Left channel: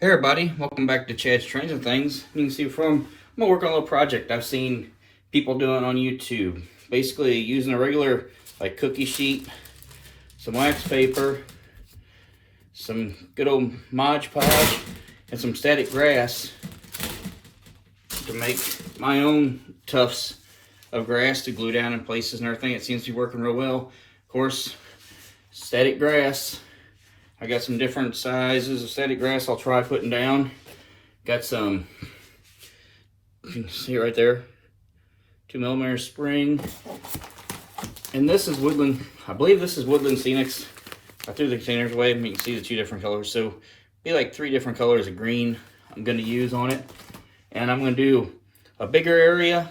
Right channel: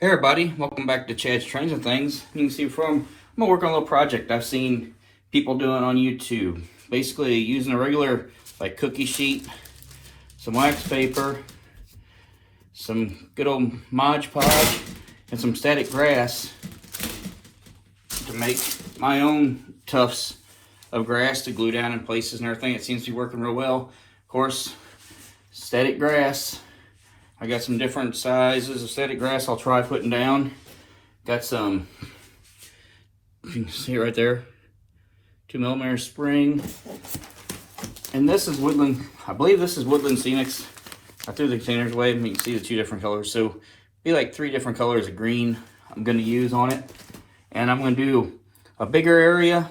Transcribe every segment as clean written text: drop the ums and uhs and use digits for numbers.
Hey everybody, welcome back to Chad's Trends and Things. You can see I'm gonna work on a little project I've seen people doing on YouTube. Basically using a regular like cookie sheet, some wax paper, some good old Mod Podge, and some static grass to make my own tufts of grass to glue down in places and everything. It seems to be working real well. Of course, static grass. I got some different sizes of static grass I'll try putting down. Got some, you can see right there, 2mm spring. And this is woodland, I believe this is woodland scenics. I threw the containers away and you can see the two different colors. So be like 3 different colors of green I'm gonna use on it. And I'm gonna do a bigger area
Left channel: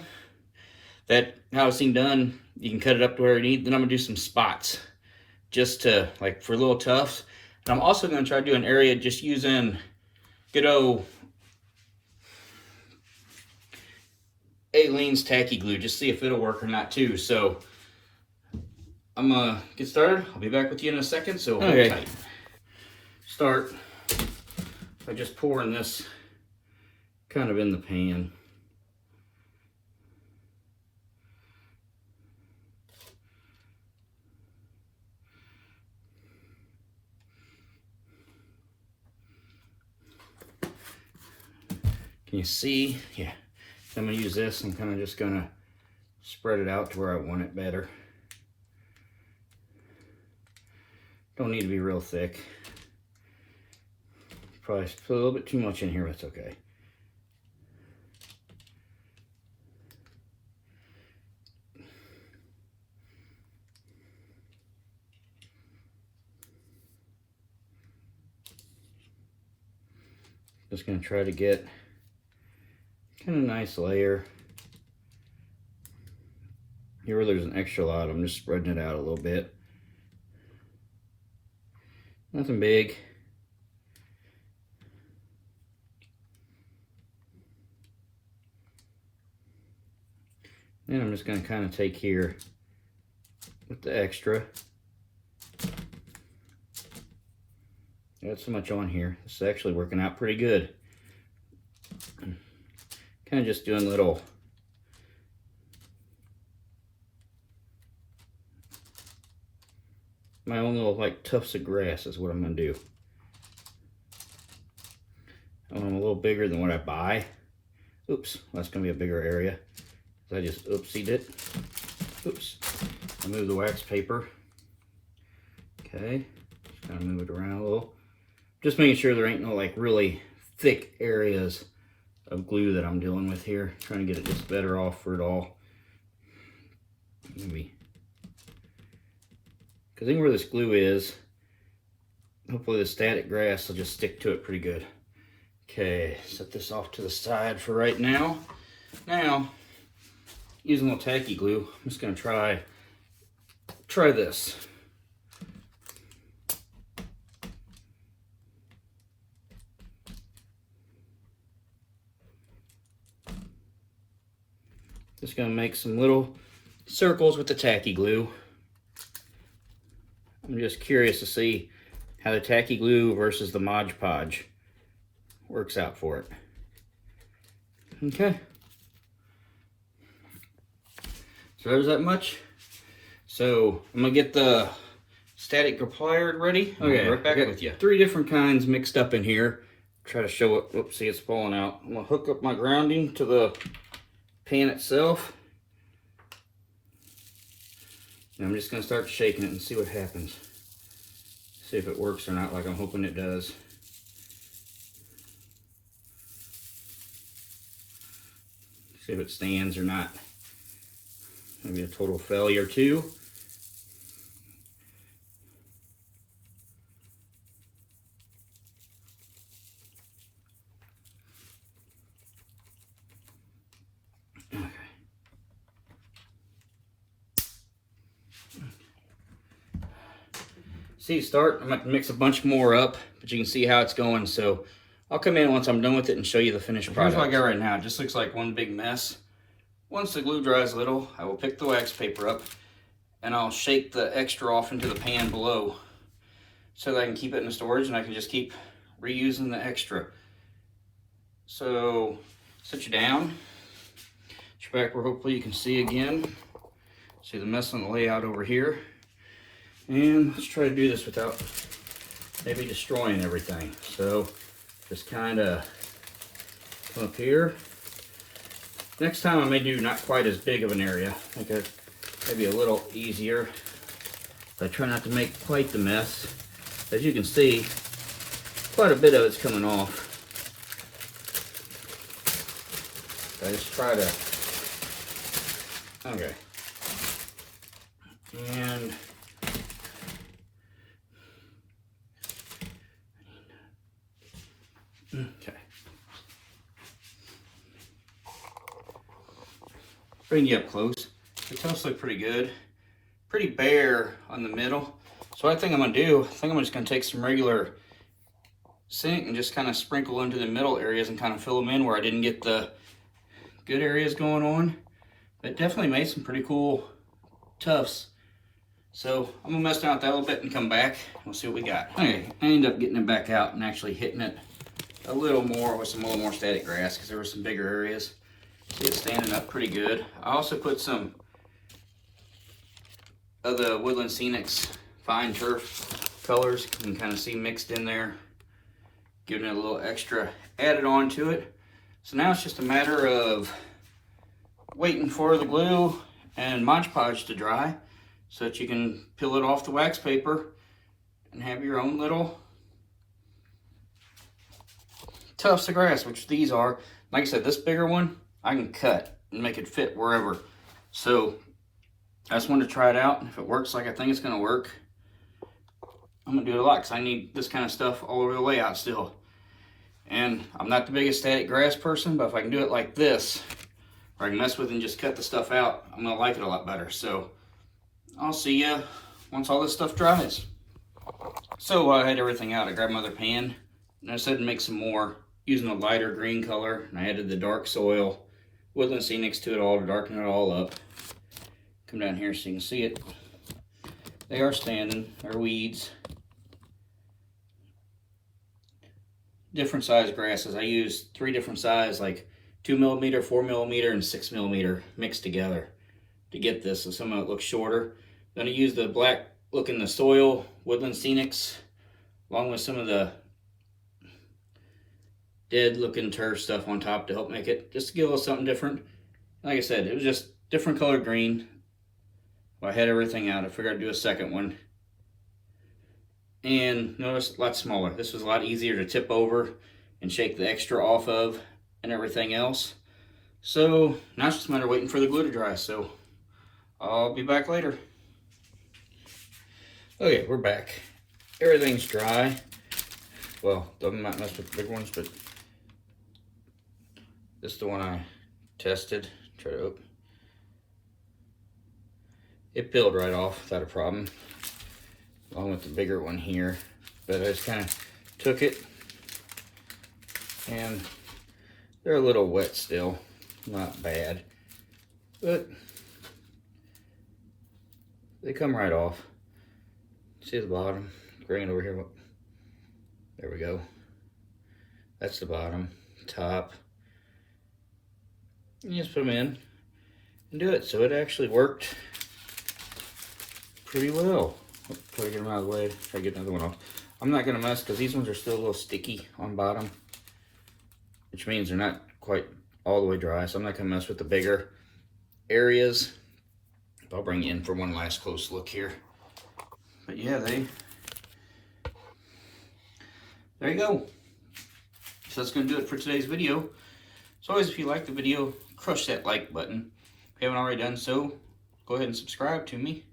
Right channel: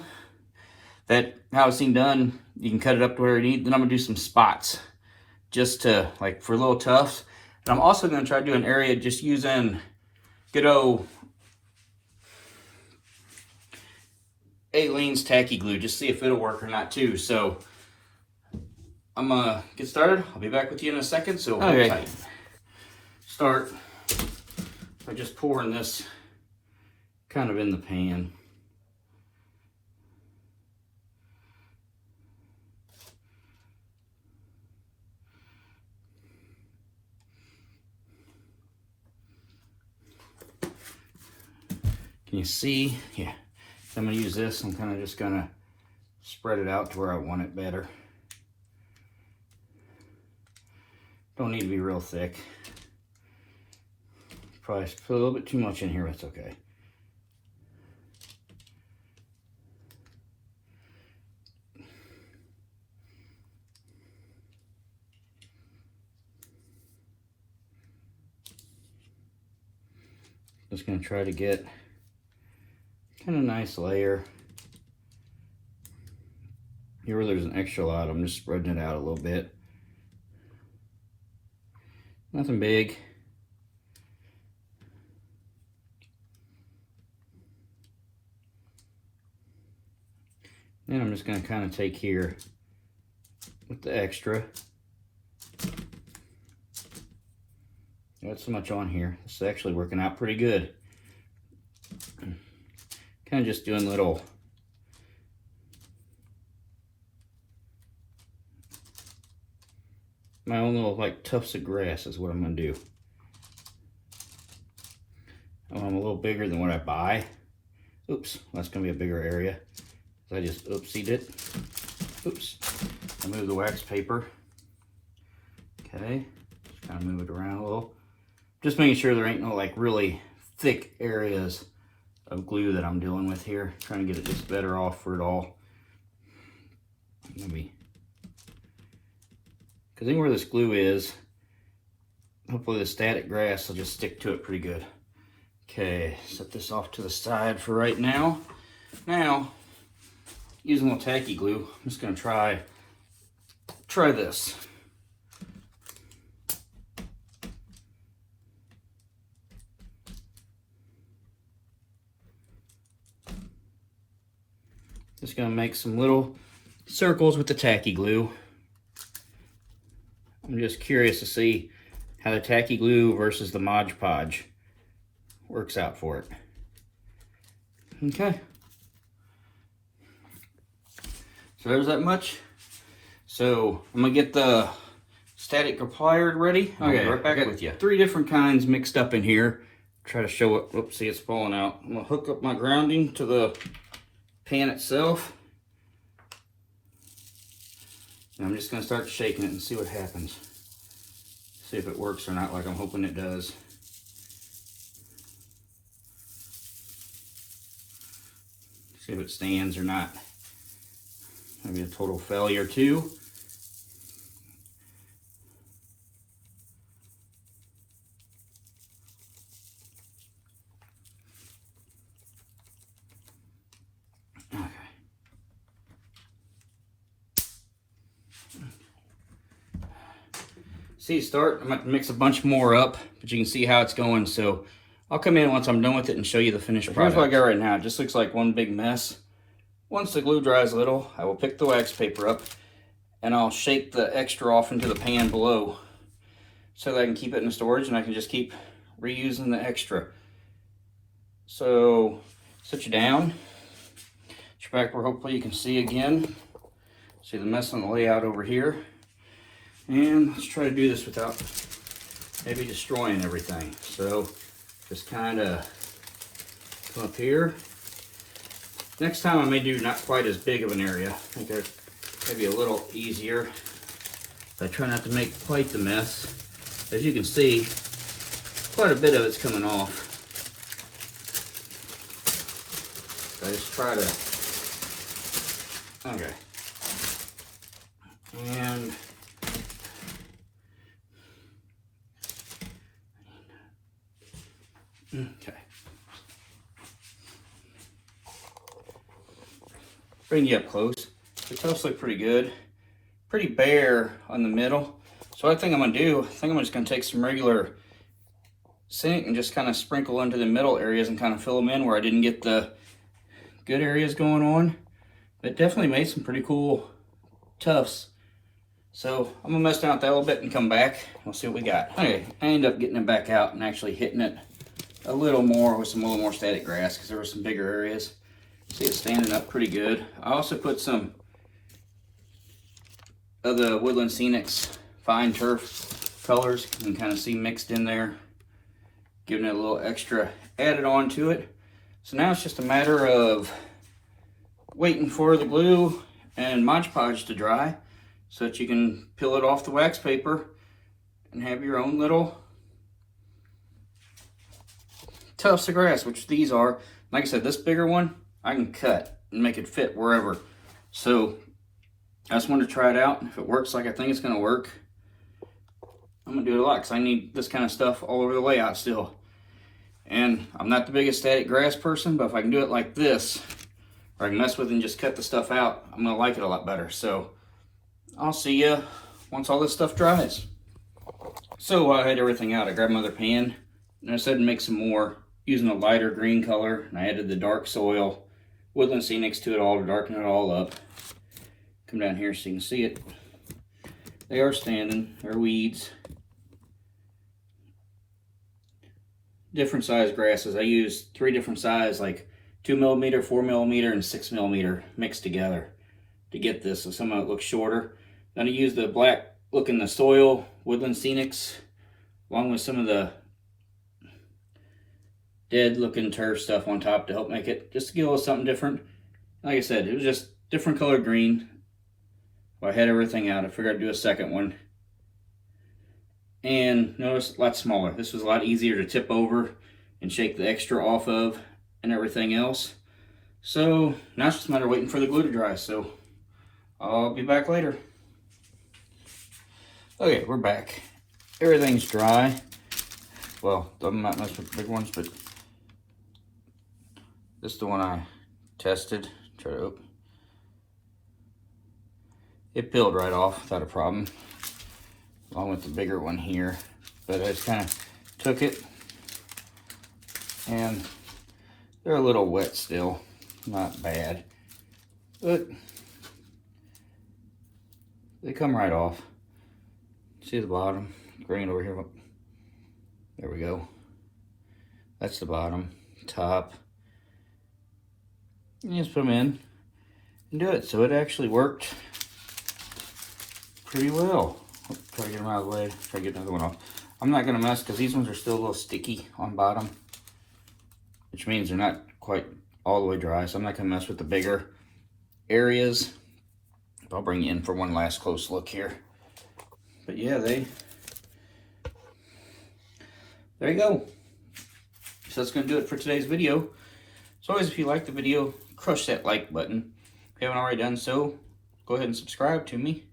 that how I've seen done, you can cut it up to where you need. Then I'm gonna do some spots just to like for little tufts. And I'm also going to try to do an area just using good old Aleene's tacky glue, just see if it'll work or not too. So I'm going to get started. I'll be back with you in a second. So okay. Tight. Start by just pouring this kind of in the pan. Can you see? Yeah. I'm going to use this. I'm kind of just going to spread it out to where I want it better. Don't need to be real thick. Probably put a little bit too much in here, but it's okay. Just going to try to get kind of nice layer. Here where there's an extra lot, I'm just spreading it out a little bit. Nothing big. Then I'm just going to kind of take here with the extra. Got so much on here. This is actually working out pretty good. Kind of just doing little my own little like tufts of grass is what I'm going to do. Oh, I'm a little bigger than what I buy. Oops, that's going to be a bigger area. I just oopsied it. Oops. I move the wax paper. Okay, just kind of move it around a little. Just making sure there ain't no like really thick areas of glue that I'm dealing with here. Trying to get it just better off for it all. Maybe. Because where this glue is, hopefully the static grass will just stick to it pretty good. Okay, set this off to the side for right now. Now, using a little tacky glue, I'm just going to try this. Just going to make some little circles with the tacky glue. I'm just curious to see how the tacky glue versus the Mod Podge works out for it. Okay. So there's that much. So I'm going to get the static plier ready. Okay, right back with you. 3 different kinds mixed up in here. Try to show it. Oops, see it's falling out. I'm going to hook up my grounding to the pan itself. And I'm just going to start shaking it and see what happens. See if it works or not like I'm hoping it does. See if it stands or not. Maybe a total failure too. See, I'm going to mix a bunch more up, but you can see how it's going. So I'll come in once I'm done with it and show you the finished product. Here's what I got right now. It just looks like one big mess. Once the glue dries a little, I will pick the wax paper up and I'll shake the extra off into the pan below so that I can keep it in the storage and I can just keep reusing the extra. So sit you down, get your back where hopefully you can see again. See the mess on the layout over here. And let's try to do this without maybe destroying everything. So just kind of come up here. Next time I may do not quite as big of an area. I think that's maybe a little easier. But I try not to make quite the mess. As you can see, quite a bit of it's coming off. I just try to, okay. And okay. Bring you up close. The tufts look pretty good. Pretty bare on the middle. So what I think I'm gonna do, I think I'm just gonna take some regular sink and just kind of sprinkle into the middle areas and kind of fill them in where I didn't get the good areas going on. But definitely made some pretty cool tufts. So I'm gonna mess down with that a little bit and come back. We'll see what we got. Okay, I ended up getting it back out and actually hitting it a little more with a little more static grass because there were some bigger areas. See, it's standing up pretty good. I also put some of the Woodland Scenics fine turf colors. You can kind of see mixed in there, giving it a little extra added on to it. So now it's just a matter of waiting for the glue and Mod Podge to dry so that you can peel it off the wax paper and have your own little tufts of grass, which these are. Like I said, this bigger one I can cut and make it fit wherever. So I just wanted to try it out. If it works like I think it's gonna work, I'm gonna do it a lot because I need this kind of stuff all over the layout still. And I'm not the biggest static grass person, but if I can do it like this, or I can mess with it and just cut the stuff out, I'm gonna like it a lot better. So I'll see ya once all this stuff dries. So while I had everything out, I grabbed my other pan and I decided to make some more using a lighter green color. And I added the dark soil, Woodland Scenics to it all to darken it all up. Come down here so you can see it. They are standing, they're weeds. Different size grasses. I used 3 different size, like 2mm, 4mm, and 6mm mixed together to get this. So some of it looks shorter. Then I used the black look in the soil, Woodland Scenics, along with some of the dead looking turf stuff on top to help make it, just to get a little something different. Like I said, it was just different colored green. I had everything out. I figured I'd do a second one. And notice, a lot smaller. This was a lot easier to tip over and shake the extra off of and everything else. So now it's just a matter of waiting for the glue to dry. So I'll be back later. Okay, we're back. Everything's dry. Well, I'm not messing with the big ones, but this is the one I tested. Try to open. It peeled right off without a problem. I went the bigger one here, but I just kind of took it, and they're a little wet still, not bad, but they come right off. See the bottom, bring it over here. There we go. That's the bottom, top. You just put them in and do it. So it actually worked pretty well. Try to get them out of the way. Try to get another one off. I'm not gonna mess because these ones are still a little sticky on bottom, which means they're not quite all the way dry. So I'm not gonna mess with the bigger areas. I'll bring you in for one last close look here. But yeah, there you go. So that's gonna do it for today's video. So always, if you like the video, crush that like button. If you haven't already done so, go ahead and subscribe to me.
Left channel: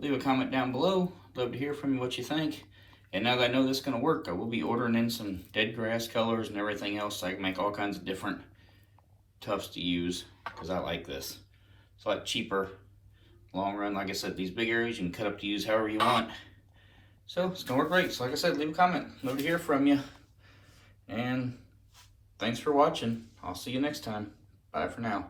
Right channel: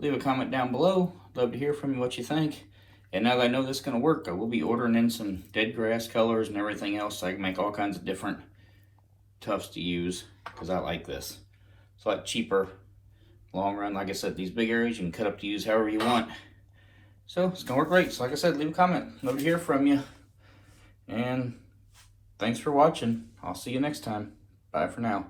Leave a comment down below. Love to hear from you what you think. And now that I know this is going to work, I will be ordering in some dead grass colors and everything else so I can make all kinds of different tufts to use, because I like this. It's a lot cheaper long run. Like I said, these big areas you can cut up to use however you want. So it's going to work great. So like I said, leave a comment. Love to hear from you. And thanks for watching. I'll see you next time. Bye for now.